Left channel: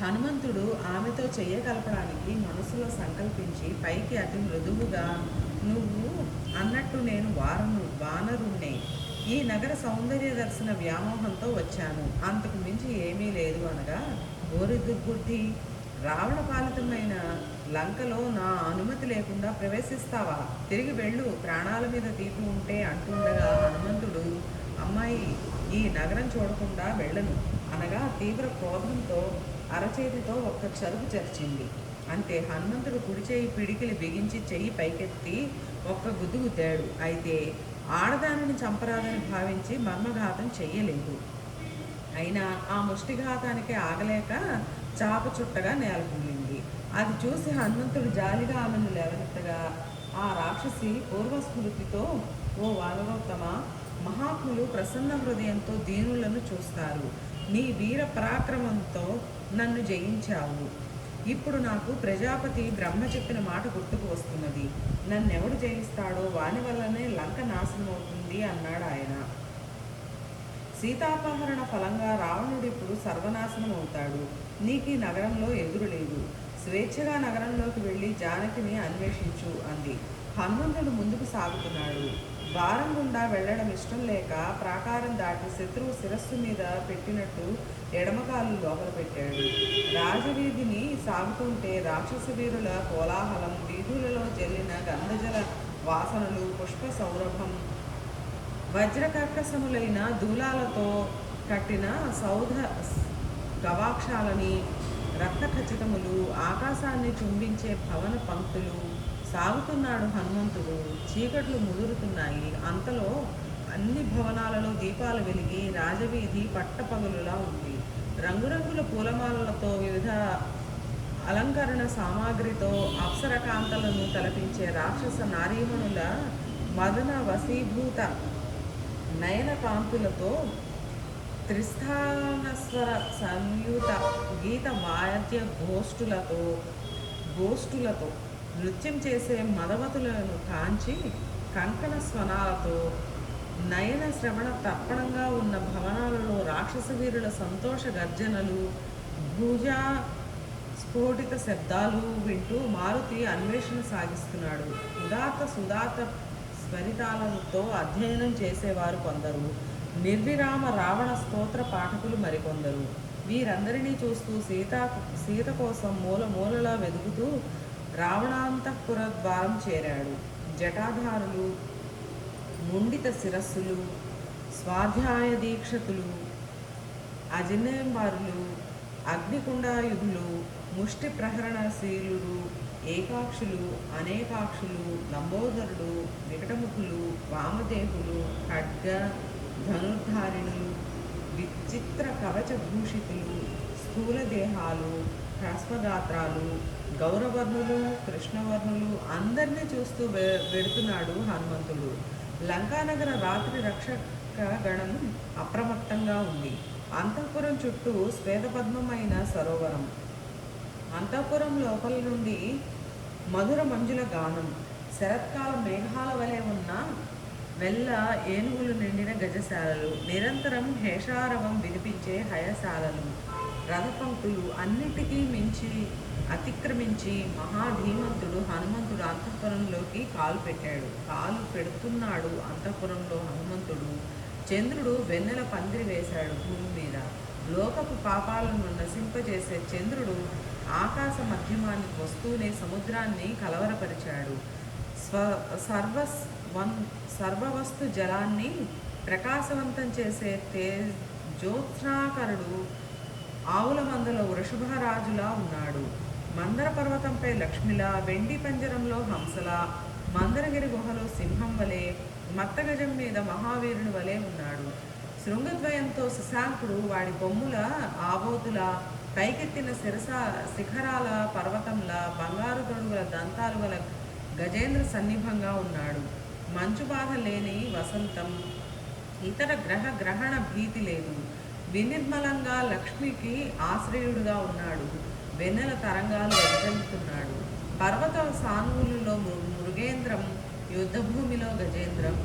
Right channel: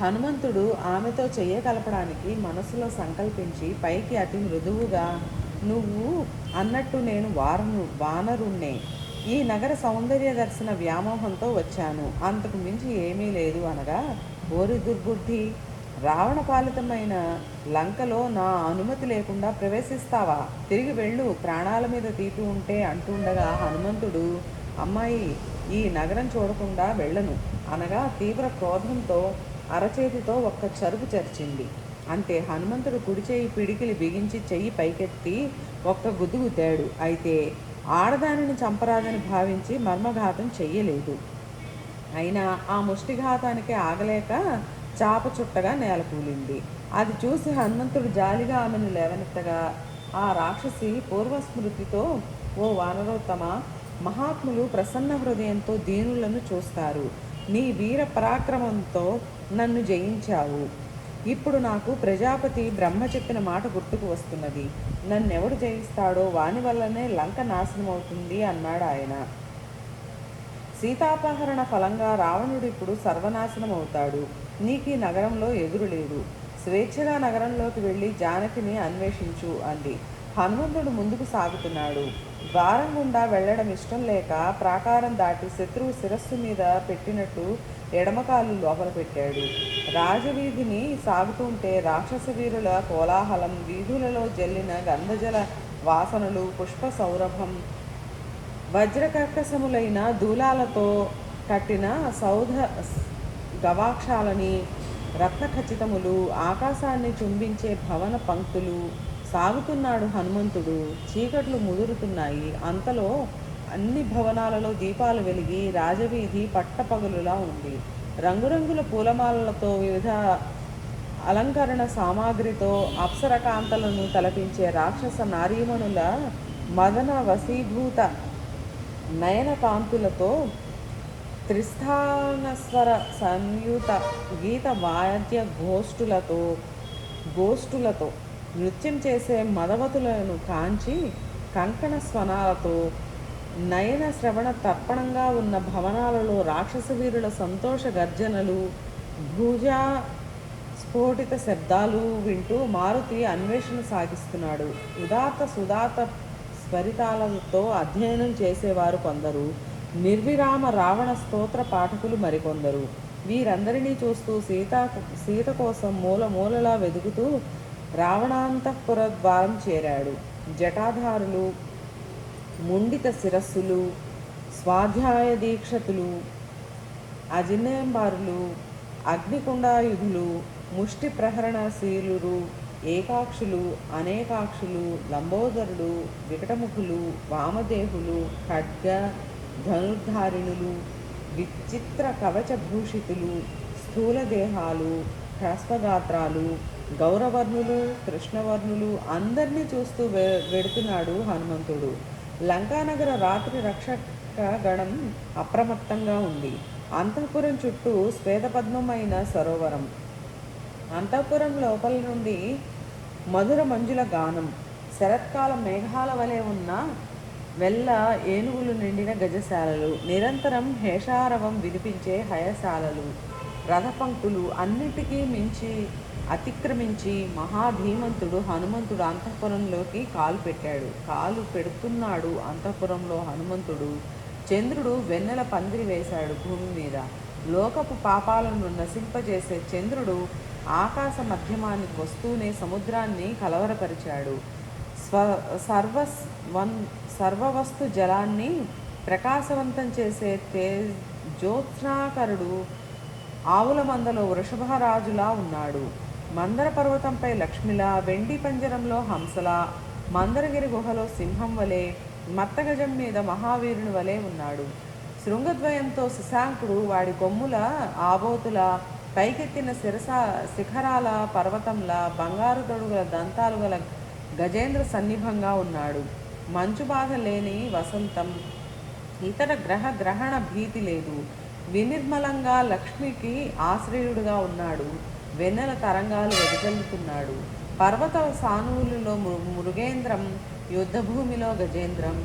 హనుమంతుడు ఆమెతో చెయ్య కలపడానికి మనసులో సంకల్పించి పైకి అతి మృదువుగా, నువ్వు అన్నట్టు నేను వానరుణ్ణే. ఈ నగర సౌందర్య దర్శన వ్యామోహంతో వచ్చాను, అంతకు మించి ఏమీ లేదు అనగా, ఓరి దుర్బుద్ధి, రావణ పాలితమైన లంకలో నా అనుమతి లేకుండా ప్రవేశిస్తావా? తిరిగి వెళ్ళు, ప్రాణాల మీద తీపి ఉంటే అంటుండగా హనుమంతుడు, అమ్మాయి, ఈ నగరం చూడకుండా వెళ్ళను అనగా తీవ్ర క్రోధంతో అరచేతితో ఒక్క చరుపు చరిచింది. అంతే, హనుమంతుడు కుడి చేయి పిడికిలి బిగించి చెయ్యి పైకెత్తి ఒక్క గుద్దుగుతాడు. అయితే ఆడదానిని చంపరాదని భావించి మర్మఘాతం చెయ్యలేదు. అయినా ఆ ముష్టిఘాతానికి ఆగలేక చాప చుట్టగా నేలకూలింది. అది చూసి హనుమంతుడు జాలిగా ఆమెను లేవనెత్తగా, ఆ రాక్షసి పూర్వస్మృతితో, ఓ వానరోత్తమ, మహాత్ములు ప్రసన్న హృదయంతో దీనులను చూస్తారు. నీ వీర పరాక్రమంతో నన్ను జయించావు. ఇప్పుడు నాకు ప్రజాపతి బ్రహ్మ చెప్పిన మాట గుర్తుకు వస్తున్నది. నన్నెవడు జయిస్తాడో వాని వల్లనే లంక నాశనమవుతుంది అన్నాడు ఆయన. సీతాపహరణ ఫలంగా రావణుడు ఇప్పుడు సర్వనాశనం అవుతాడు. నీకు ఈ నగరంలో ఎదురు లేదు. స్వేచ్ఛగా నగరంలోకి వెళ్ళి జానకిని అన్వేషించు అంది. హనుమంతుడు ముందుకు సాగుతున్నాడు. ద్వారం గుండా వెళ్ళడం ఇష్టం లేక ప్రాకారం దాటి శత్రువు శిరస్సు మీద పెట్టినట్టు ఎడమకాలు లోపల పెట్టాడు. రాజవీధిని సాగుతుంటే రాక్షస వీరుల కోలాహలం, వీధులలో జల్లిన గంధజల వాసనలు, పుష్ప సౌరభం, వజ్రకర్కశములైన దూలాలతో కట్టిన సౌధ గవాక్షాలని, రత్నఖచితములు, ఆకాశాన్ని చుంబించే భవన పంక్తులు. సాగుతున్నాడు హనుమంతుడు. చీకట్లు ముదురుతున్నాయి. అంతలో అన్ని భవనాలలో దీపాలు వెలిగి రాజవీధి పట్టపగలులా ఉంది. రంగురంగుల పూలమాలలతో, వివిధ అలంకరణ సామాగ్రితో అప్సరకాంతలను తలపించే రాక్షస నారీమణుల మదన వశీభూత నయన కాంతులతో, త్రిస్థానస్వర సంయుత గీత వాద్య గోష్ఠులతో నృత్యం చేసే మదవతులను కాంచి కంకణ స్వనాలతో నయన శ్రవణ తర్పణంగా ఉన్న భవనాలలో రాక్షస వీరుల సంతోష గర్జనలు, భూజా స్ఫోటిత శబ్దాలు వింటూ మారుతి అన్వేషణ సాగిస్తున్నాడు. సుదాత స్వరితాలతో అధ్యయనం చేసేవారు కొందరు, నిర్విరామ రావణ స్తోత్ర పాఠకులు మరికొందరు. వీరందరినీ చూస్తూ సీత కోసం మూలలా వెదుగుతూ రావణాంతఃపుర ద్వారం చేరాడు. జటాధారులు, ముండిత శిరస్సులు, స్వాధ్యాయ దీక్షతులు, అజినేంబారులు, అగ్నికుండాయుధులు, ముష్టి ప్రహరణశీలురు, ఏకాక్షులు, అనేకాక్షులు, లంబోదరుడు, వికటముఖులు, వామదేహులు, ఖడ్గ ధనుర్ధారిణులు, విచిత్ర కవచభూషితులు, స్థూల దేహాలు, హ్రస్వగాత్రాలు, గౌరవర్ణులు, కృష్ణవర్ణులు అందరినీ చూస్తూ వెడుతున్నాడు హనుమంతుడు. లంకానగర రాత్రి రక్షక గణం అప్రమత్తంగా ఉంది. అంతఃపురం చుట్టూ శ్వేతపద్మమైన సరోవరం. అంతఃపురం లోపల నుండి మధుర మంజుల గానం, శరత్కాల మేఘాల వలె ఉన్న వెల్ల ఏనుగులు నిండిన గజశాలలు, నిరంతరం హేషారవం వినిపించే హయశాలలు, రథపంక్తులు అన్నిటికీ మించి అతిక్రమించి మహాధీమంతుడు హనుమంతుడు అంతఃపురంలోకి కాలు పెడుతున్నాడు. అంతఃపురంలో హనుమంతుడు. చంద్రుడు వెన్నెల పందిరి వేశాడు భూమి మీద. లోకపు పాపాలను నశింపజేసే చంద్రుడు ఆకాశ మధ్యమానికి వస్తూనే సముద్రాన్ని కలవరపరిచాడు. సర్వవస్తు జలాన్ని ప్రకాశవంతం చేసే జ్యోత్స్నాకరుడు ఆవుల మందలో వృషభరాజులా ఉన్నాడు. మందర పర్వతంపై లక్ష్మిలా, వెండి పంజరంలో హంసలా, మందరగిరి గుహలో సింహం వలె, మత్తగజం మీద మహావీరుని వలె ఉన్నాడు. శృంగద్వయంతో శశాంకుడు వాడి కొమ్ముల ఆబోతుల, పైకెత్తిన శిఖరాల పర్వతంలా, బంగారు తొడుగుల దంతాలు గల గజేంద్ర సన్నిభంగా ఉన్నాడు. మంచు బాధ లేని వసంతం, ఇతర గ్రహణ భీతి లేదు. వినిర్మలంగా లక్ష్మికి ఆశ్రయుడుగా ఉన్నాడు. వెన్నెల తరంగాలు వెదజల్లుతున్నాడు. పర్వత సానువులలో మృగేంద్రం, యుద్ధభూమిలో గజేంద్రం,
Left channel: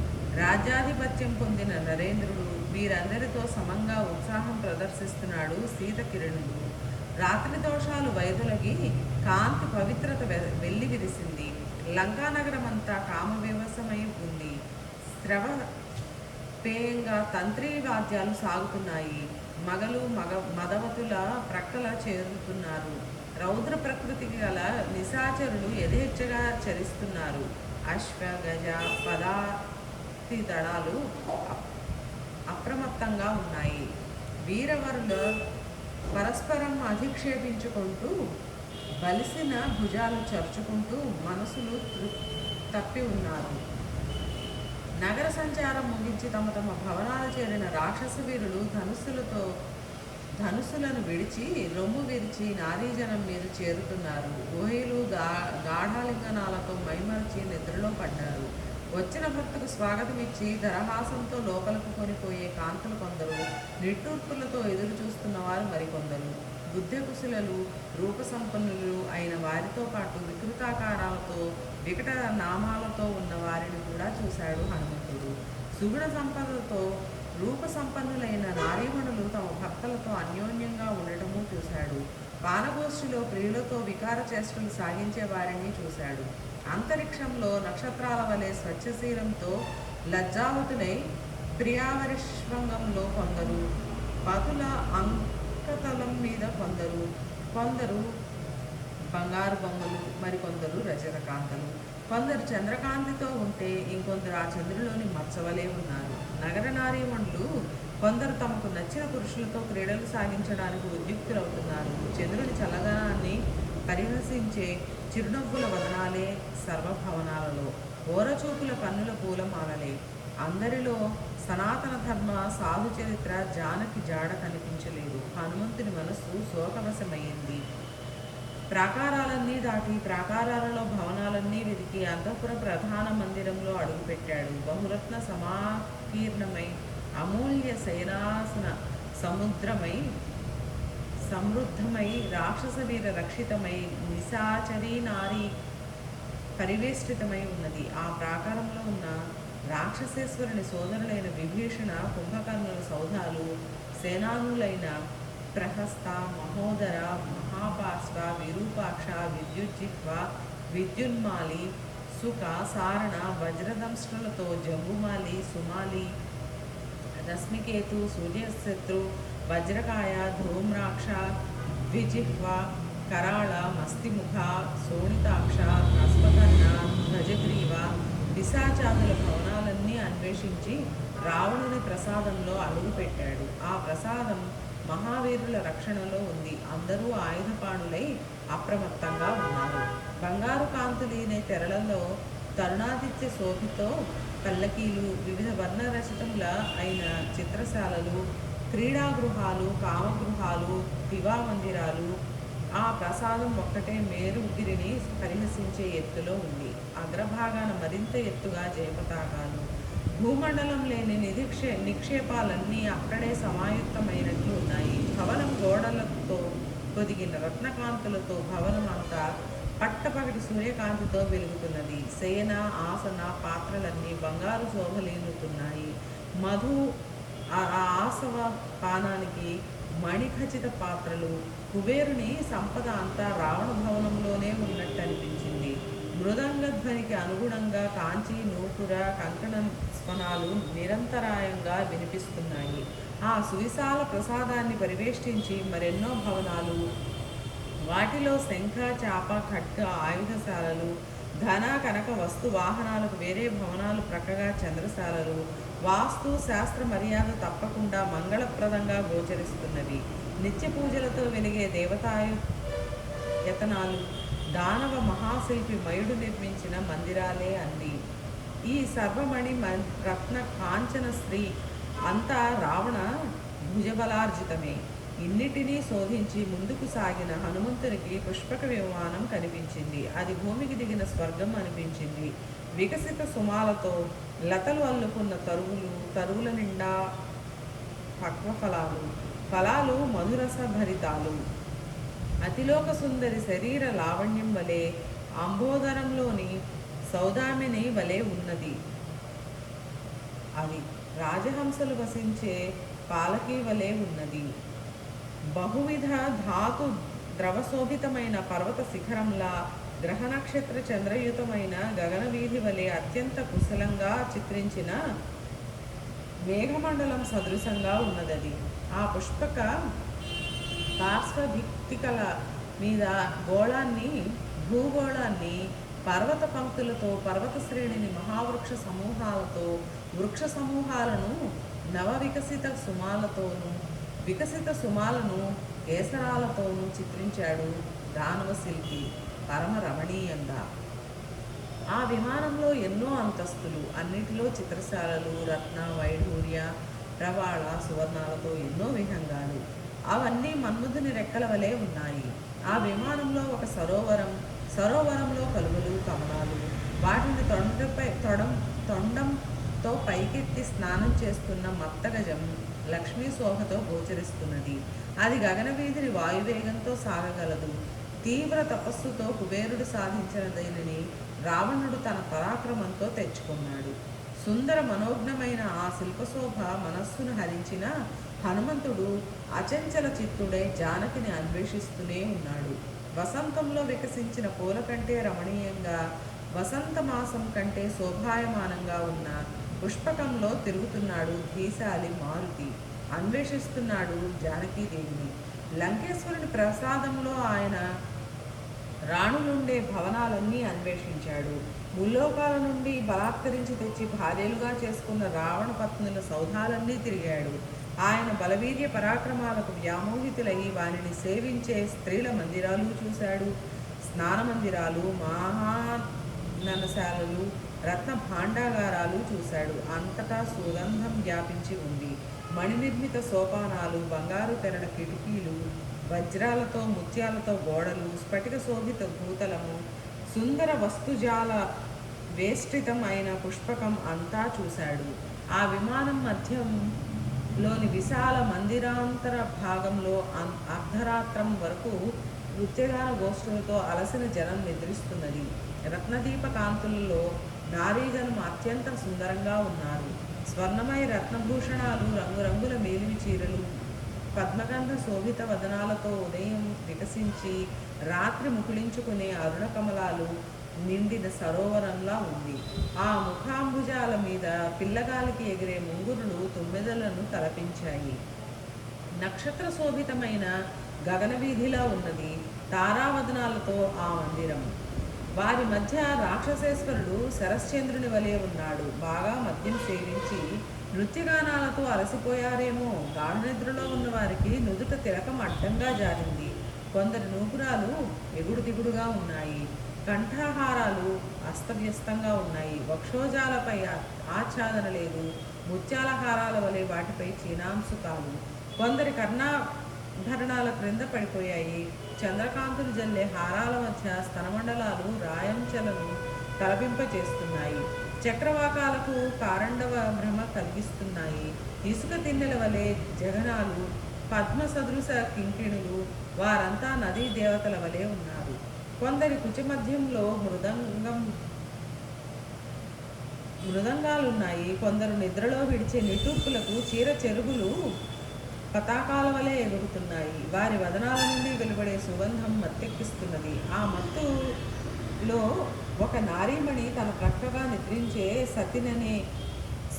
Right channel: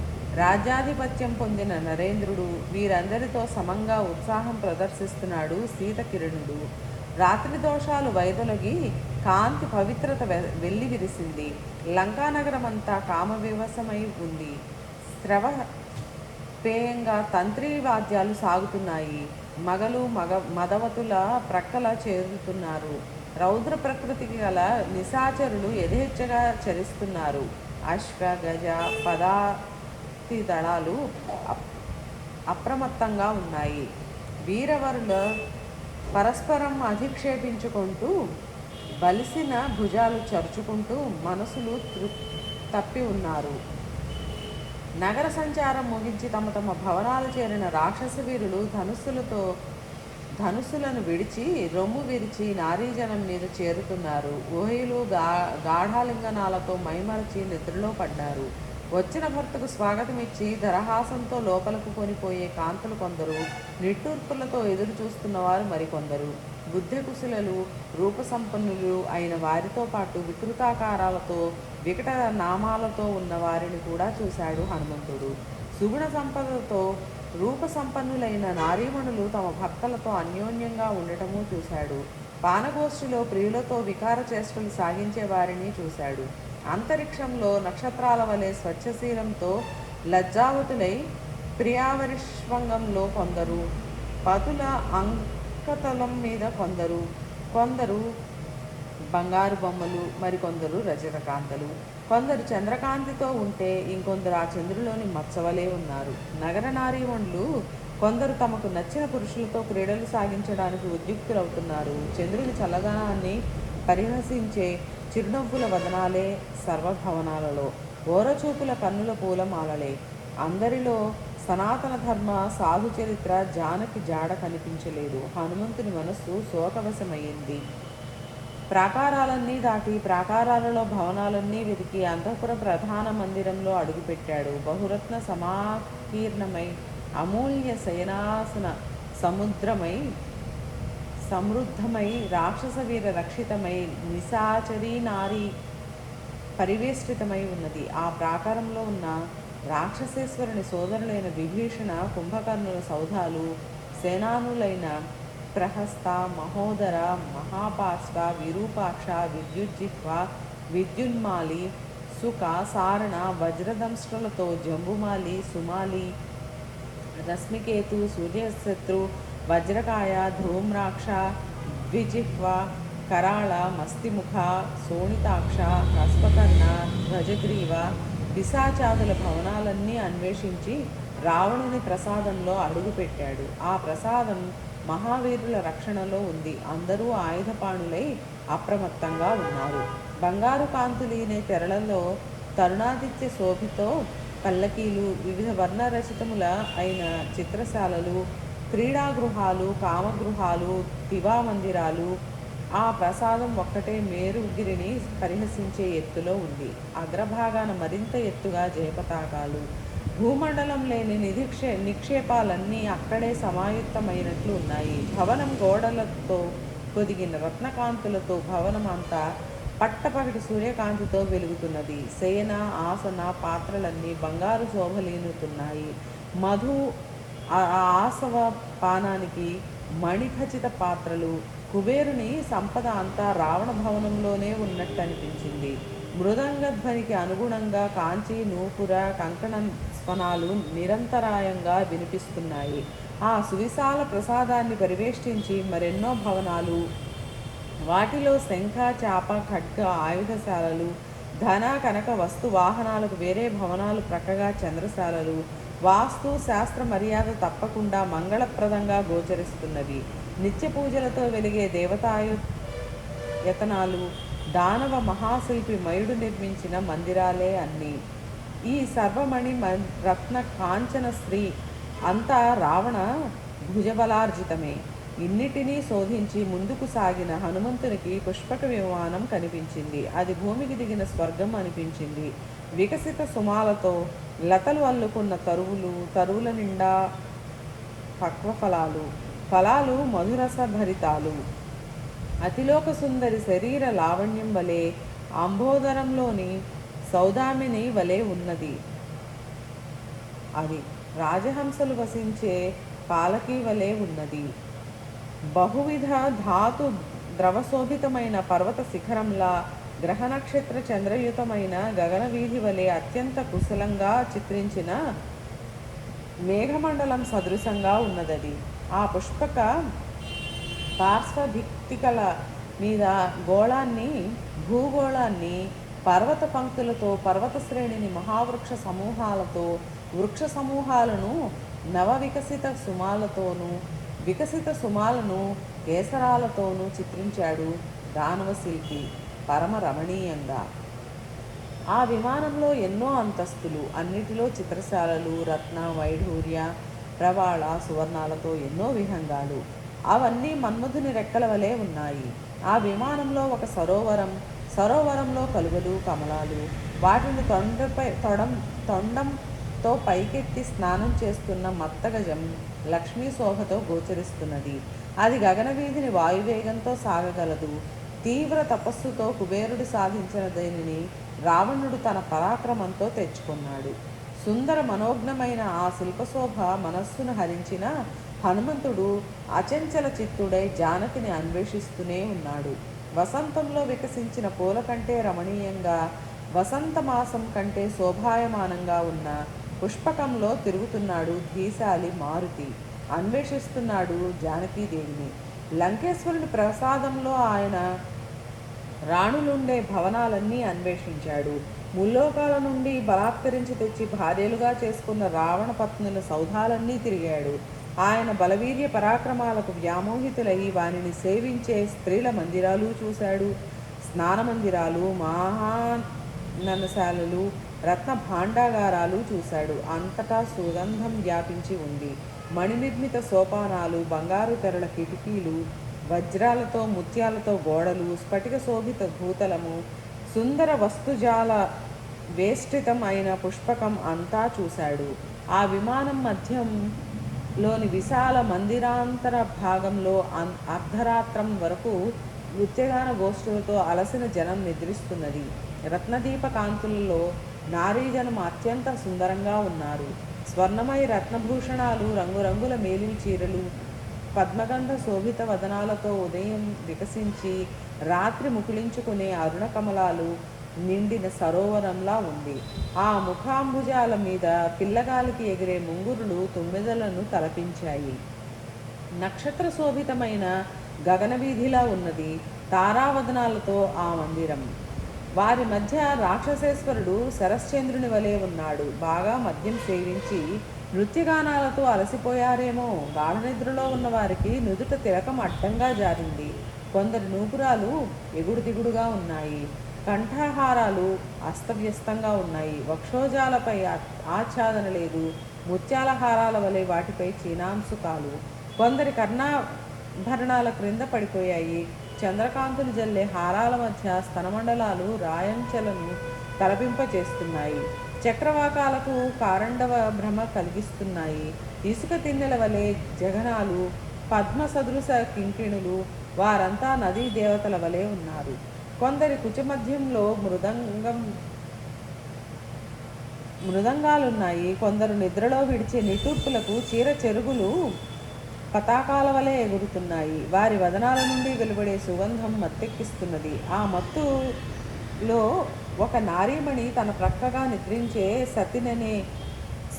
రాజ్యాధిపత్యం పొందిన నరేంద్రుడు వీరందరితో సమంగా ఉత్సాహం ప్రదర్శిస్తున్నాడు. శీతకిరణుడు రాత్రి దోషాలు వైదొలగి కాంతి పవిత్రత వెల్లి విరిసింది. లంకానగరమంతా కామవివశమై ఉంది. శ్రవ పేయంగా తంత్రి వాద్యాలు సాగుతున్నాయి. మగలు మదవతుల ప్రక్కల చేరుతున్నారు. రౌద్ర ప్రకృతికి గల నిశాచరులు యథేచ్ఛగా చరిస్తున్నారు. అశ్వ గజ పదాతి దళాలు అప్రమత్తంగా ఉన్నాయి. వీరవరుల పరస్పరం అధిక్షేపించుకుంటూ బలిసిన భుజాలు చరుచుకుంటూ మనసులు తప్పి ఉన్నారు. నగర సంచారం ముగించి తమ తమ భవనాలు చేరిన రాక్షస వీరులు ధనుసులను విడిచి రొమ్ము విరిచి నారీజనం మీద చేరుతున్నారు. ఊహలు గాఢాలింగనాలతో మైమరచి నిద్రలో పడ్డారు. వచ్చిన భక్తుకు స్వాగతం ఇచ్చి దరహాసంతో లోపలకు కొనిపోయే కాంతులు కొందరు, నిట్టూర్పులతో ఎదురు చూస్తున్నవారు మరికొందరు. బుద్ధికుశులలు రూపసంపన్నులు అయిన వారితో పాటు వికృతాకారాలతో వికట నామాలతో ఉన్న వారిని కూడా చూశాడు హనుమంతుడు. సుగుణ సంపదతో రూపసంపన్నులైన నారీమణులు తమ భర్తలతో అన్యోన్యంగా ఉండటము చూశాడు. పానగోష్ఠిలో ప్రియులతో వికార చేష్టలు సాగించే వారిని చూశాడు. అంతరిక్షంలో నక్షత్రాల వలె స్వచ్ఛశీలంతో లజ్జావతులై ప్రియావరిష్వంగంలో కొందరు, పతుల అంకతలం మీద కొందరు బంగారు బొమ్మలు, మరికొందరు రజతకాంతలు. కొందరు చంద్రకాంతితో ఉంటే ఇంకొందరు ఆ చంద్రులోని మచ్చవలే ఉన్నారు. నగర నారీమణులు కొందరు తమకు నచ్చిన పురుషులతో క్రీడలు సాగించడానికి ఉద్యుక్తులవుతున్నారు. చంద్రుని చల్లదనాన్ని పరిహసించే చిరునవ్వుల వదనాలే సర్వభవనాలలో, ఓరచూపుల కన్నుల పూలమాలలే. అందరిలో సనాతన ధర్మ సాధు చరిత్ర జానకి జాడ కనిపించలేదు. హనుమంతుని మనస్సు శోకవశమైంది. ప్రాకారాలన్నీ దాటి ప్రాకారాలలో భవనాలన్నీ వెతికి అంతఃపుర ప్రధాన మందిరంలో అడుగుపెట్టాడు. బహురత్న సమాకీర్ణమై అమూల్య సేనాసన సముద్రమై సమృద్ధమై రాక్షస వీర రక్షితమై నిశాచరీ నారీ పరివేష్టితమై ఉన్నది. ఆ ప్రాకారంలో ఉన్న రాక్షసేశ్వరుని సోదరులైన విభీషణ కుంభకర్ణుల సౌధాలు, సేనానులైన ప్రహస్త, మహోదర, మహాపార్శ్వ, విరూపాక్ష, విద్యుజ్జిహ్వ, విద్యున్మాలి, సుఖ, సారణ, వజ్రదంష్ట్రులతో జంబుమాలి, సుమాలి, రశ్మికేతు, సూర్యశత్రు, వజ్రకాయ, ధూమ్రాక్ష, ద్విజిహ్వ, కరాళ, మస్తిముఖ, శోణితాక్ష, హస్మకర్ణ, ధ్వజగ్రీవ, పిశాచాదుల భవనాలన్నీ అన్వేషించి రావణుని ప్రసాదంలో అడుగుపెట్టాడు. ఆ ప్రసాదం మహావీరుల రక్షణలో ఉంది. అందరూ ఆయుధపాణులై అప్రమత్తంగా ఉన్నారు. బంగారు కాంతులీనే తెరలలో తరుణాదిత్య శోభితో పల్లకీలు, వివిధ వర్ణ రచితముల అయిన చిత్రశాలలు, క్రీడాగృహాలు, కామగృహాలు, దివామందిరాలు. ఆ ప్రసాదం ఒక్కటే మేరుగిరిని పరిహసించే ఎత్తులో ఉంది. అగ్రభాగాన మరింత ఎత్తుగా జయపతాకాలు. భూమండలం లేని నిక్షేపాలన్నీ అక్కడే సమాయుక్తమైనట్లు ఉన్నాయి. భవనం గోడలతో పొదిగిన రత్నకాంతులతో భవనం అంతా పట్టపగటి సూర్యకాంతితో వెలుగుతున్నది. శయన ఆసన పాత్రలన్నీ బంగారు శోభలీనుతున్నాయి. మధు ఆసవ పానానికి మణిఖచిత పాత్రలు. కుబేరుని సంపద అంతా రావణ భవనంలోనే ఉన్నట్టు అనిపించింది. మృదంగధ్వనికి అనుగుణంగా కాంచి, నూపుర, కంకణ స్వనాలు నిరంతరాయంగా వినిపిస్తున్నాయి. ఆ సువిశాల ప్రసాదాన్ని పరివేష్టించి మరెన్నో భవనాలు, వాటిలో శంఖ, చాప, ఖడ్గ ఆయుధశాలలు, ధన కనక వస్తు వాహనాలకు వేరే భవనాలు ప్రక్కగా చంద్రశాలలు. వాస్తు శాస్త్ర మర్యాద తప్పకుండా మంగళప్రదంగా గోచరిస్తున్నవి. నిత్య పూజలతో వెలిగే దేవతాయతనాలు, దానవ మహాశిల్పి మయుడు నిర్మించిన మందిరాలే అన్నీ. ఈ సర్వమణి రత్న కాంచన స్త్రీ అంతా రావణ భుజబలార్జితమే. ఇన్నిటినీ శోధించి ముందుకు సాగిన హనుమంతునికి పుష్పక విమానం కనిపించింది. అది భూమికి దిగిన స్వర్గం అనిపించింది. వికసిత సుమాలతో లతలు అల్లుకున్న తరువుల నిండా పక్వ ఫలాలు మధురస భరితాలు. అతిలోక సుందరి శరీర లావణ్యం వలె అంబోదరంలోని సౌదామిని వలె ఉన్నది. అది రాజహంసలు వసించే పాలకీ వలె ఉన్నది. బహువిధ ధాతు ద్రవశోభితమైన పర్వత శిఖరంలా, గ్రహ నక్షత్ర చంద్రయుతమైన గగన వీధి వలె అత్యంత కుశలంగా చిత్రించిన మేఘమండలం సదృశంగా ఉన్నదది. ఆ పుష్పక పార్శ్వభిత్తికల మీద గోళాన్ని, భూగోళాన్ని, పర్వత పంక్తులతో, పర్వత శ్రేణిని, మహావృక్ష సమూహాలతో, వృక్ష సమూహాలను, నవ వికసిత సుమాలతోనూ, వికసిత సుమాలను కేసరాలతోనూ చిత్రించాడు దానవ శిల్పి పరమ రమణీయంగా. ఆ విమానంలో ఎన్నో అంతస్తులు, అన్నిటిలో చిత్రశాలలు, రత్న వైఢూర్య ప్రవాళ సువర్ణాలతో ఎన్నో విహంగాలు. అవన్నీ మన్మధుని రెక్కల వలె ఉన్నాయి. ఆ విమానంలో ఒక సరోవరం, సరోవరంలో కలువలు కమలాలు, వాటిని తొండంతో పైకెత్తి స్నానం చేస్తున్న మత్తగజం లక్ష్మీ శోభతో గోచరిస్తున్నది. అది గగన వీధిని వాయువేగంతో సాగగలదు. తీవ్ర తపస్సుతో కుబేరుడు సాధించిన దేనిని రావణుడు తన పరాక్రమంతో తెచ్చుకున్నాడు. సుందర మనోజ్ఞమైన ఆ శిల్పశోభ మనస్సును హరించిన హనుమంతుడు అచంచల చిత్తుడై జానకిని అన్వేషిస్తూనే ఉన్నాడు. వసంతంలో వికసించిన పూల కంటే రమణీయంగా, వసంత మాసం కంటే శోభాయమానంగా ఉన్న పుష్పకంలో తిరుగుతున్నాడు ధీశాలి మారుతి. అన్వేషిస్తున్నాడు జానకీదేవిని. లంకేశ్వరుని ప్రసాదంలో ఆయన రాణులుండే భవనాలన్నీ అన్వేషించాడు. ముల్లోకాల నుండి బలాత్కరించి తెచ్చి భార్యలుగా చేసుకున్న రావణ పత్నుల సౌధాలన్నీ తిరిగాడు. ఆయన బలవీర్య పరాక్రమాలకు వ్యామోహితులై వానిని సేవించే స్త్రీల మందిరాలు చూశాడు. స్నాన మందిరాలు, మహాననశాలలు, రత్న భాండాగారాలు చూశాడు. అంతటా సుగంధం వ్యాపించి ఉంది. మణినిర్మిత సోపానాలు, బంగారు తెరల కిటికీలు, వజ్రాలతో ముత్యాలతో గోడలు, స్ఫటిక శోభిత భూతలము, సుందర వస్తుజాల వేష్టితం అయిన పుష్పకం అంతా చూశాడు. ఆ విమానం మధ్యంలోని విశాల మందిరాంతర భాగంలో అర్ధరాత్రం వరకు నృత్యగాన గోష్ఠులతో అలసిన జనం నిద్రిస్తున్నది. రత్నదీప కాంతులలో నారీజనం అత్యంత సుందరంగా ఉన్నారు. స్వర్ణమయ రత్నభూషణాలు, రంగురంగుల మేలిమి చీరలు, పద్మగంధ శోభిత వదనాలతో ఉదయం వికసించి రాత్రి ముకుళించుకునే అరుణ కమలాలు నిండిన సరోవరంలా ఉంది. ఆ ముఖాంబుజాల మీద పిల్లగాలికి ఎగిరే ముంగురులు తుమ్మెదలను తలపించాయి. నక్షత్ర శోభితమైన గగన వీధిలా ఉన్నది తారావదనాలతో ఆ మందిరం. వారి మధ్య రాక్షసేశ్వరుడు శరశ్చంద్రుని వలె ఉన్నాడు. బాగా మద్యం సేవించి నృత్యగానాలతో అలసిపోయారేమో. గాఢ నిద్రలో ఉన్న వారికి నుదుట తిలకం అడ్డంగా జారింది. కొందరి నూపురాలు ఎగుడు దిగుడుగా ఉన్నాయి. కంఠాహారాలు అస్తవ్యస్తంగా ఉన్నాయి. వక్షోజాలపై ఆచ్ఛాదన లేదు. ముత్యాల హారాల వలె వాటిపై చీనాంసుకాలు. కొందరి కర్ణాభరణాల క్రింద పడిపోయాయి. చంద్రకాంతులు జల్లే హారాల మధ్య స్తనమండలాలు రాయంచెలను తలపింపచేస్తున్నాయి. చక్రవాకాలకు కారండవ భ్రమ కలిగిస్తున్నాయి. ఇసుక తిన్నెల వలె జగనాలు, పద్మ సదృశ కింకిణులు, వారంతా నదీ దేవతల వలె ఉన్నారు. కొందరి కుచమధ్యంలో మృదంగాలున్నాయి. కొందరు నిద్రలో విడిచే నిట్టూర్పులకు చీర చెరుగులు పతాకాల వలె ఎగురుతున్నాయి. వారి వదనాల నుండి వెలువడే సుగంధం మత్తెక్కిస్తున్నది. ఆ మత్తులో ఒక నారీమణి తన ప్రక్కగా నిద్రించే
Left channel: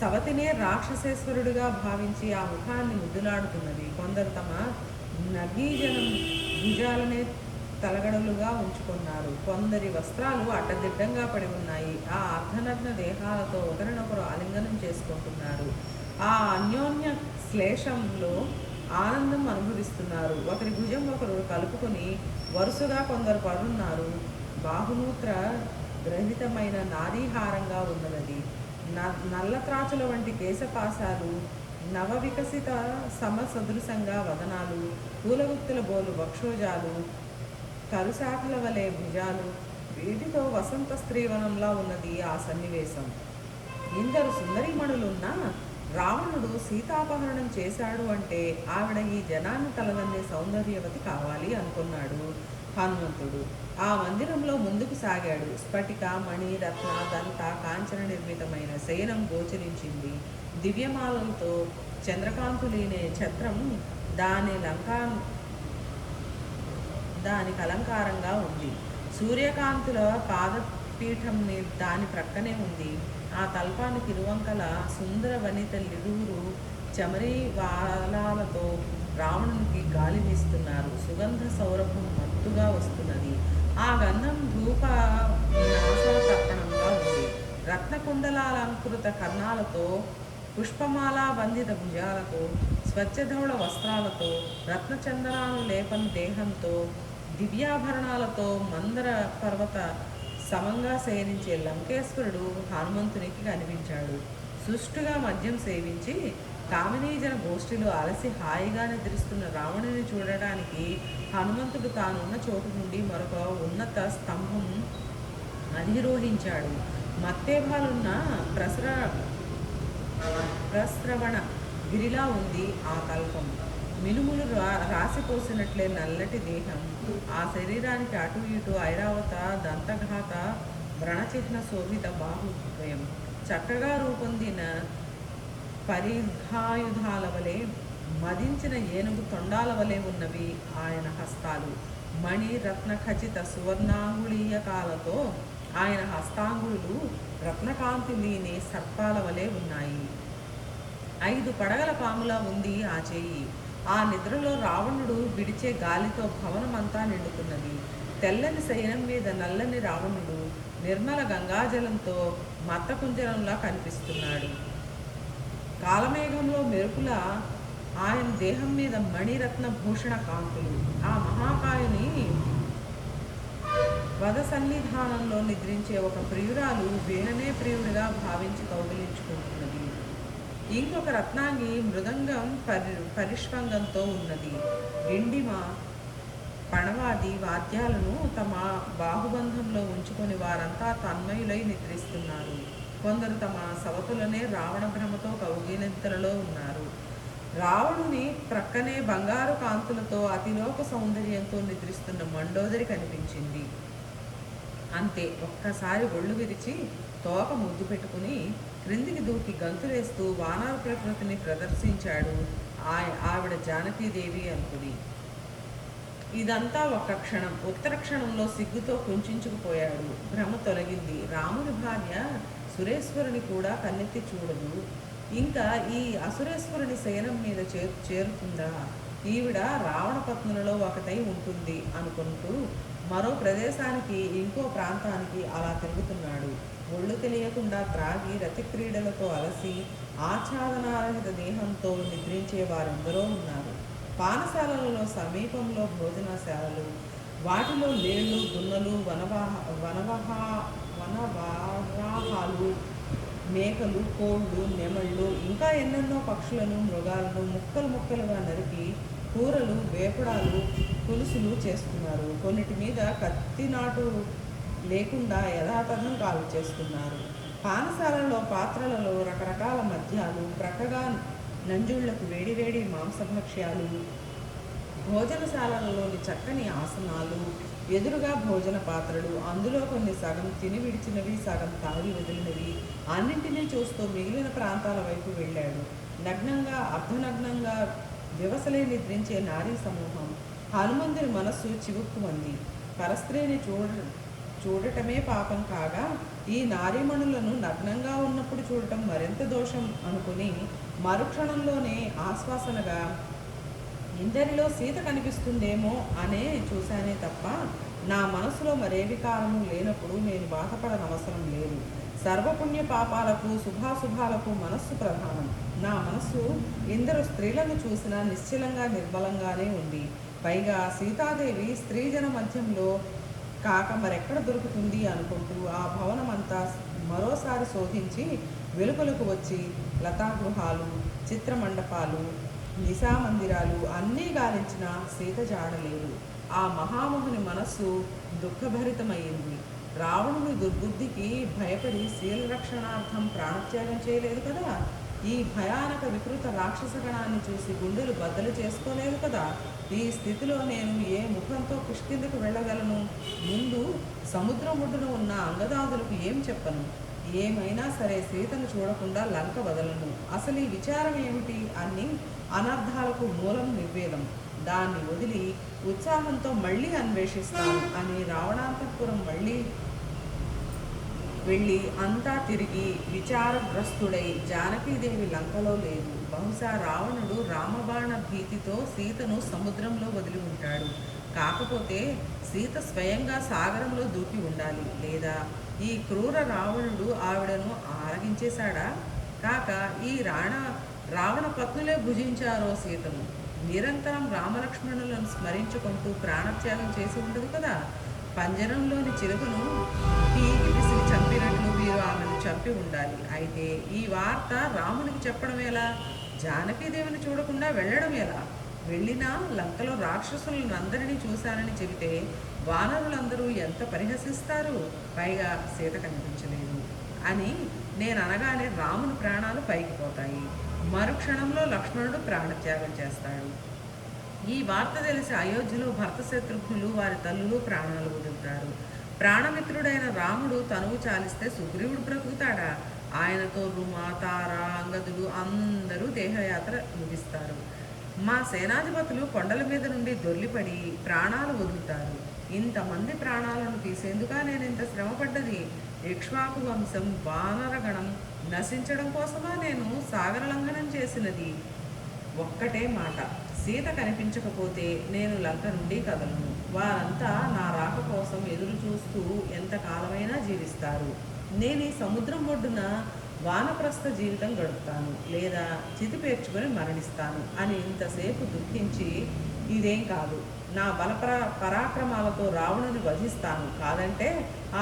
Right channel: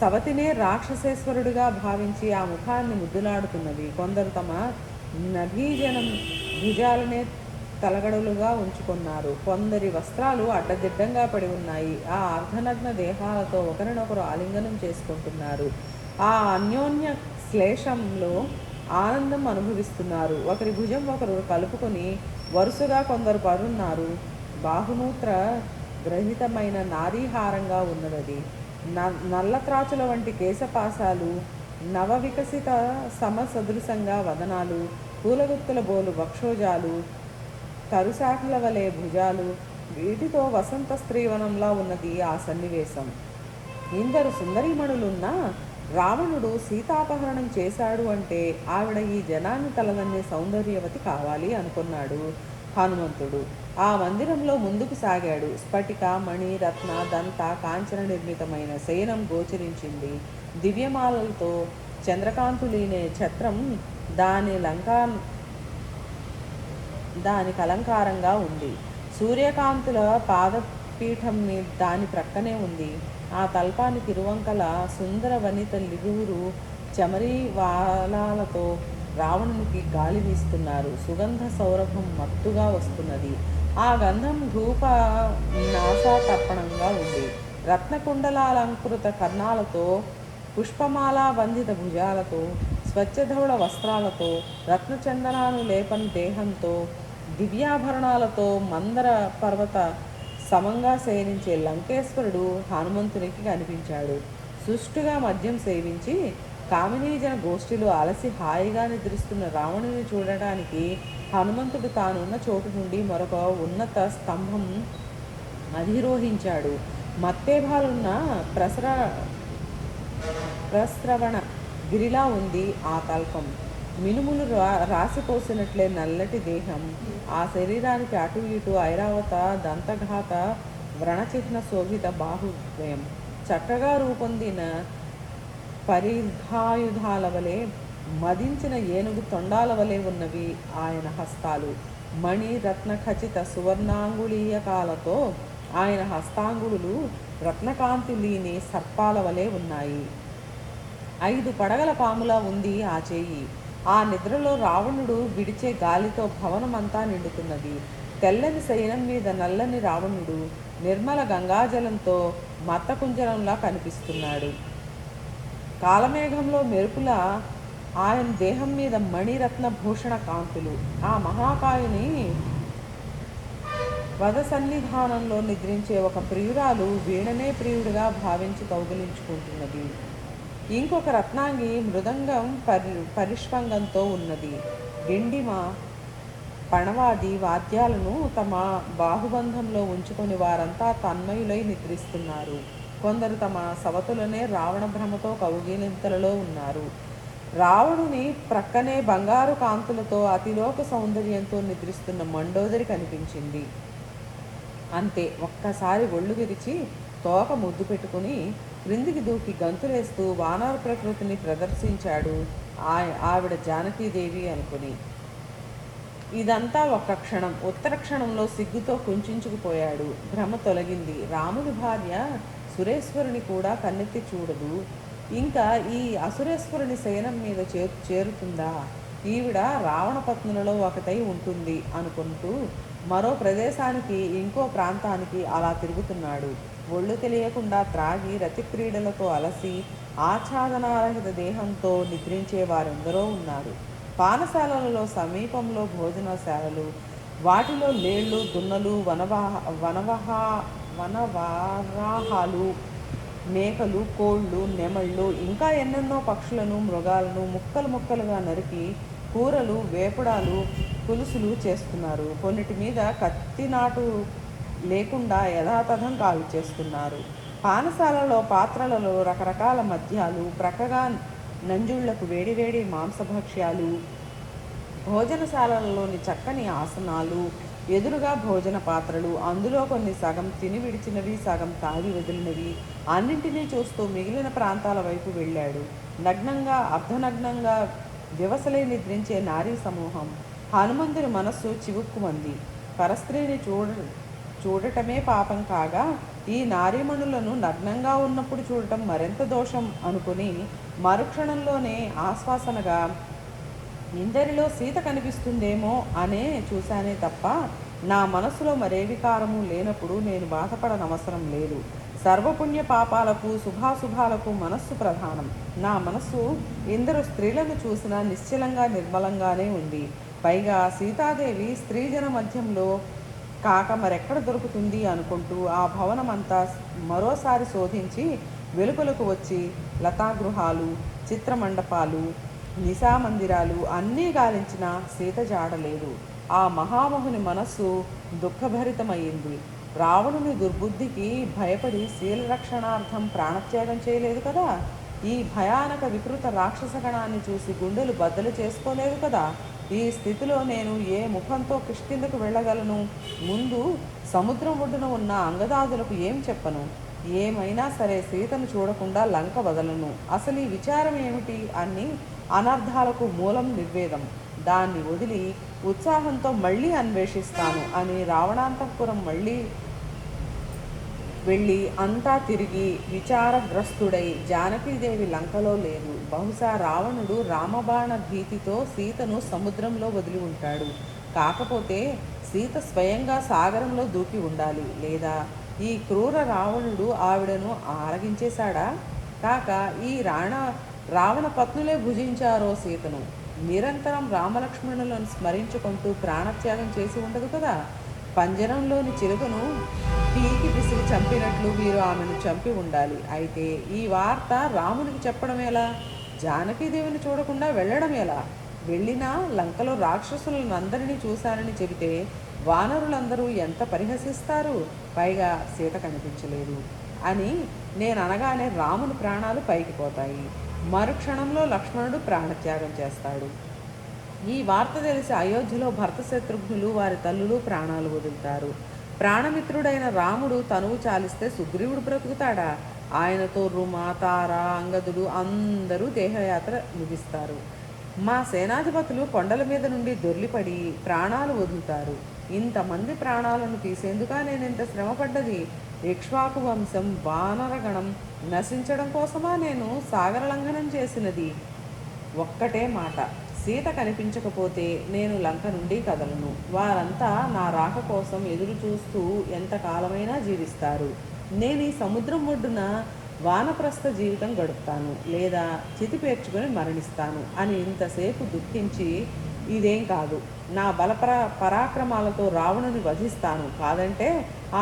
సవతినే రాక్షసేశ్వరుడిగా భావించి ఆ ముఖాన్ని ముద్దులాడుతున్నది. కొందరు తమ నభీజనం భుజాలనే తలగడలుగా ఉంచుకున్నారు. కొందరి వస్త్రాలు అడ్డదిడ్డంగా పడి ఉన్నాయి. ఆ అర్ధనగ్న దేహాలతో ఒకరినొకరు ఆలింగనం చేసుకుంటున్నారు. ఆ అన్యోన్య శ్లేషంలో ఆనందం అనుభవిస్తున్నారు. ఒకరి భుజం ఒకరు కలుపుకొని వరుసగా కొందరు పడున్నారు. బాహుమూత్ర గ్రహితమైన నారీహారంగా ఉన్నది. నల్లత్రాచుల వంటి కేశపాసాలు, నవ వికసిత సమసదృశంగా వదనాలు, పూలగుత్తుల బోలు వక్షోజాలు, తరుశాఖల వలె భుజాలు, వీటితో వసంత స్త్రీవనంలా ఉన్నది ఆ సన్నివేశం. ఇందరు సుందరీమణులున్నా రావణుడు సీతాపహరణం చేశాడు అంటే ఆవిడ ఈ జనాన్ని తలదన్నే సౌందర్యవతి కావాలి అనుకున్నాడు హనుమంతుడు. ఆ మందిరంలో ముందుకు సాగాడు. స్ఫటిక, మణి, రత్న, దంత, కాంచన నిర్మితమైన శయనం గోచరించింది. దివ్యమాలలతో చంద్రకాంతులీనే ఛత్రం దాని లంకా దానికి అలంకారంగా ఉంది. సూర్యకాంతుల పాదపీఠం దాని ప్రక్కనే ఉంది. ఆ తల్పానికి ఇరువంకల సుందర వనితలిరువురు చమరీ వాలాలతో రావణునికి గాలి వీస్తున్నారు. సుగంధ సౌరభం మత్తుగా వస్తున్నది. ఆ గంధం ధూప నాసాతర్పణంగా ఉంది. రత్నకుండలాలంకృత కర్ణాలతో, పుష్పమాల వందిత భుజాలతో, స్వచ్ఛధవళ వస్త్రాలతో, రత్నచందనాను లేపని దేహంతో, దివ్యాభరణాలతో మందర పర్వత సమంగా సేవించే లంకేశ్వరుడు హనుమంతునికి కనిపించాడు. సుష్టుగా మద్యం సేవించి కామినీజన గోష్ఠిలో అలసి హాయిగా నిద్రిస్తున్న రావణుని చూడడానికి హనుమంతుడు తానున్న చోటు నుండి మరొక ఉన్నత స్తంభం అధిరోహించాడు. మత్తేభాలున్న ప్రస్రవణ గిరిలా ఉంది ఆ తల్పం. మినుములు రాసిపోసినట్లే నల్లటి దేహం, ఆ శరీరానికి అటు ఇటు ఐరావత దంతఘాత వ్రణచిహ్న శోభిత బాహుద్వయం, చక్కగా రూపొందిన పరిఘాయుధాల వలె మదించిన ఏనుగు తొండాల వలె ఉన్నవి ఆయన హస్తాలు. మణి రత్న ఖచిత సువర్ణాంగుళీయకాలతో ఆయన హస్తాంగుళులు రత్నకాంతి లేని సర్పాల వలె ఉన్నాయి. 5 పడగల పాములా ఉంది ఆ చేయి. ఆ నిద్రలో రావణుడు విడిచే గాలితో భవనమంతా నిండుతున్నది. తెల్లని శయనం మీద నల్లని రావణుడు నిర్మల గంగాజలంతో మత్తకుంజరంలా కనిపిస్తున్నాడు. కాలమేఘంలో మెరుపుల ఆయన దేహం మీద మణిరత్న భూషణ కాంతులు. ఆ మహాకాయుని వద సన్నిధానంలో నిద్రించే ఒక ప్రియురాలు వీణనే ప్రియుడిగా భావించి కౌగిలించుకుంటున్నది. ఇంకొక రత్నాంగి మృదంగం పరిష్వంగంతో ఉన్నది. డిండిమ పణవాది వాద్యాలను తమ బాహుబంధంలో ఉంచుకొని వారంతా తన్మయులై నిద్రిస్తున్నారు. కొందరు తమ సవతులనే రావణ భ్రమతో కౌగిలింతలలో ఉన్నారు. రావణుని ప్రక్కనే బంగారు కాంతులతో అతిలోక సౌందర్యంతో నిద్రిస్తున్న మండోదరి కనిపించింది. అంతే, ఒక్కసారి ఒళ్ళు విరిచి తోక ముద్దు పెట్టుకుని క్రిందికి దూకి గంతులేస్తూ వానర ప్రకృతిని ప్రదర్శించాడు ఆవిడ జానకీదేవి అనుకుని. ఇదంతా ఒక్క క్షణం. ఉత్తర క్షణంలో సిగ్గుతో కుంచుకుపోయాడు. భ్రమ తొలగింది. రాముని భార్య సురేశ్వరుని కూడా కన్నెత్తి చూడదు. ఇంకా ఈ అసురేశ్వరుని శయనం మీద చేరుతుందా? ఈవిడ రావణ పత్నులలో ఒకటై ఉంటుంది అనుకుంటూ మరో ప్రదేశానికి ఇంకో ప్రాంతానికి అలా తిరుగుతున్నాడు. ఒళ్ళు తెలియకుండా త్రాగి రతిక్రీడలతో అలసి ఆచ్ఛాదనారహిత దేహంతో నిద్రించే వారెందరో ఉన్నారు. పానశాలలలో సమీపంలో భోజనశాలలు, వాటిలో లేళ్ళు, దున్నలు, వనవారాహాలు, మేకలు, కోళ్ళు, నెమళ్ళు, ఇంకా ఎన్నెన్నో పక్షులను, మృగాలను ముక్కలు ముక్కలుగా నరికి కూరలు, వేపుడాలు, పులుసులు చేస్తున్నారు. కొన్నిటి మీద కత్తినాటు లేకుండా యథాతథం కాలు చేస్తున్నారు. పానశాలలో పాత్రలలో రకరకాల మద్యాలు, ప్రక్కగా నంజుళ్లకు వేడివేడి మాంసభక్ష్యాలు, భోజనశాలలోని చక్కని ఆసనాలు, ఎదురుగా భోజన పాత్రలు, అందులో కొన్ని సగం తిని విడిచినవి, సగం తాగి వదిలినవి, అన్నింటినీ చూస్తూ మిగిలిన ప్రాంతాల వైపు వెళ్ళాడు. నగ్నంగా అర్ధనగ్నంగా దివసలే నిద్రించే నారీ సమూహం. హనుమంతుని మనస్సు చివుక్కుమంది. పరస్త్రీని చూడటమే పాపం కాగా ఈ నారీమణులను నగ్నంగా ఉన్నప్పుడు చూడటం మరింత దోషం అనుకుని మరుక్షణంలోనే ఆశ్వాసనగా ఇందరిలో సీత కనిపిస్తుందేమో అనే చూశానే తప్ప నా మనసులో మరే వికారము లేనప్పుడు నేను బాధపడనవసరం లేదు. సర్వపుణ్య పాపాలకు శుభాశుభాలకు మనస్సు ప్రధానం. నా మనస్సు ఇందరు స్త్రీలను చూసినా నిశ్చలంగా నిర్మలంగానే ఉంది. పైగా సీతాదేవి స్త్రీజన మధ్యంలో కాక మరెక్కడ దొరుకుతుంది అనుకుంటూ ఆ భవనమంతా మరోసారి శోధించి వెలుపలకు వచ్చి లతాగృహాలు, చిత్రమండపాలు, నిశామందిరాలు అన్నీ గాలించిన సీత జాడలేదు. ఆ మహామహుని మనస్సు దుఃఖభరితమైంది. రావణుని దుర్బుద్ధికి భయపడి శీలరక్షణార్థం ప్రాణత్యాగం చేయలేదు కదా. ఈ భయానక వికృత రాక్షసగణాన్ని చూసి గుండెలు బద్దలు చేసుకోలేదు కదా. ఈ స్థితిలో నేను ఏ ముఖంతో కిష్కిందకు వెళ్ళగలను? ముందు సముద్రం ఒడ్డున ఉన్న అంగదాదులకు ఏం చెప్పను? ఏమైనా సరే సీతను చూడకుండా లంక వదలను. అసలు ఈ విచారం ఏమిటి అని అనర్థాలకు మూలం నిర్వేదం. దాన్ని వదిలి ఉత్సాహంతో మళ్ళీ అన్వేషిస్తాను అని రావణాంతఃపురం మళ్ళీ వెళ్ళి అంతా తిరిగి విచారగ్రస్తుడై జానకీదేవి లంకలో లేదు. బహుశా రావణుడు రామబాణ భీతితో సీతను సముద్రంలో వదిలి ఉంటాడు. కాకపోతే సీత స్వయంగా సాగరంలో దూకి ఉండాలి. లేదా ఈ క్రూర రావణుడు ఆవిడను ఆరగించేశాడా? కాక ఈ రావణ పత్నులే భుజించారో సీతను. నిరంతరం రామలక్ష్మణులను స్మరించుకుంటూ ప్రాణత్యాగం చేసి ఉండదు కదా. పంజరంలోని చిలుకను పీకి విసిరి చంపినట్లు వీరు ఆమెను చంపి ఉండాలి. అయితే ఈ వార్త రామునికి చెప్పడం ఎలా? జానకీదేవిని చూడకుండా వెళ్ళడం ఎలా? వెళ్ళినా లంకలో రాక్షసులను అందరినీ చూశానని చెబితే వానరులందరూ ఎంత పరిహసిస్తారు. పైగా సీత కనిపించలేదు అని నేను అనగానే రాముని ప్రాణాలు పైకి పోతాయి. మరుక్షణంలో లక్ష్మణుడు ప్రాణత్యాగం చేస్తాడు. ఈ వార్త తెలిసి అయోధ్యలో భర్త శత్రుఘ్నులు వారి తల్లులు ప్రాణాలు వదులుతారు. ప్రాణమిత్రుడైన రాముడు తనువు చాలిస్తే సుగ్రీవుడు బ్రతుకుతాడా? ఆయనతో రుమ, తార, అంగదుడు అందరూ దేహయాత్ర ముగిస్తారు. మా సేనాధిపతులు కొండల మీద నుండి దొర్లిపడి ప్రాణాలు వదులుతారు. ఇంతమంది ప్రాణాలను తీసేందుకా నేను ఇంత శ్రమపడ్డది? ఇక్ష్వాకు వంశం వానరగణం నశించడం కోసమా నేను సాగరలంఘనం చేసినది? ఒక్కటే మాట, సీత కనిపించకపోతే నేను లంక నుండి కదలను. వారంతా నా రాక కోసం ఎదురు చూస్తూ ఎంతకాలమైనా జీవిస్తారు. నేను ఈ సముద్రం ఒడ్డున వానప్రస్థ జీవితం గడుపుతాను, లేదా చితి పేర్చుకొని మరణిస్తాను అని ఇంతసేపు దుఃఖించి ఇదేం కాదు, నా పరాక్రమాలతో రావణుని వధిస్తాను, కాదంటే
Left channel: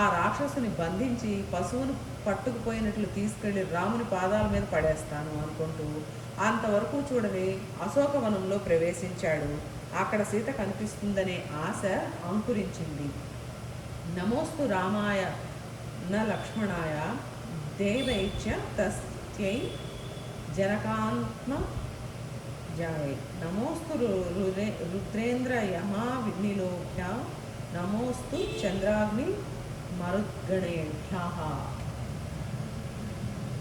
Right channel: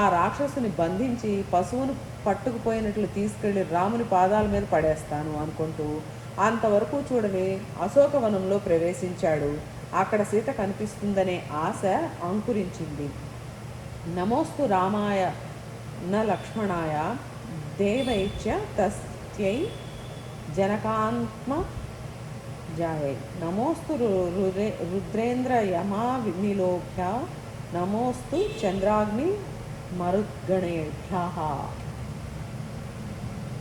ఆ రాక్షసుని బంధించి పశువును పట్టుకుపోయినట్లు తీసుకెళ్లి రాముని పాదాల మీద పడేస్తాను అనుకుంటూ అంతవరకు చూడని అశోకవనంలో ప్రవేశించాడు. అక్కడ సీత కనిపిస్తుందనే ఆశ అంకురించింది. నమోస్తు రామాయ న లక్ష్మణాయ దేవైచ తస్యై జనకాత్మ జాయై నమోస్తు రుద్రేంద్ర యమా నిలోభ్య నమోస్తు చంద్రాగ్ని మరుద్గణేభ్యః.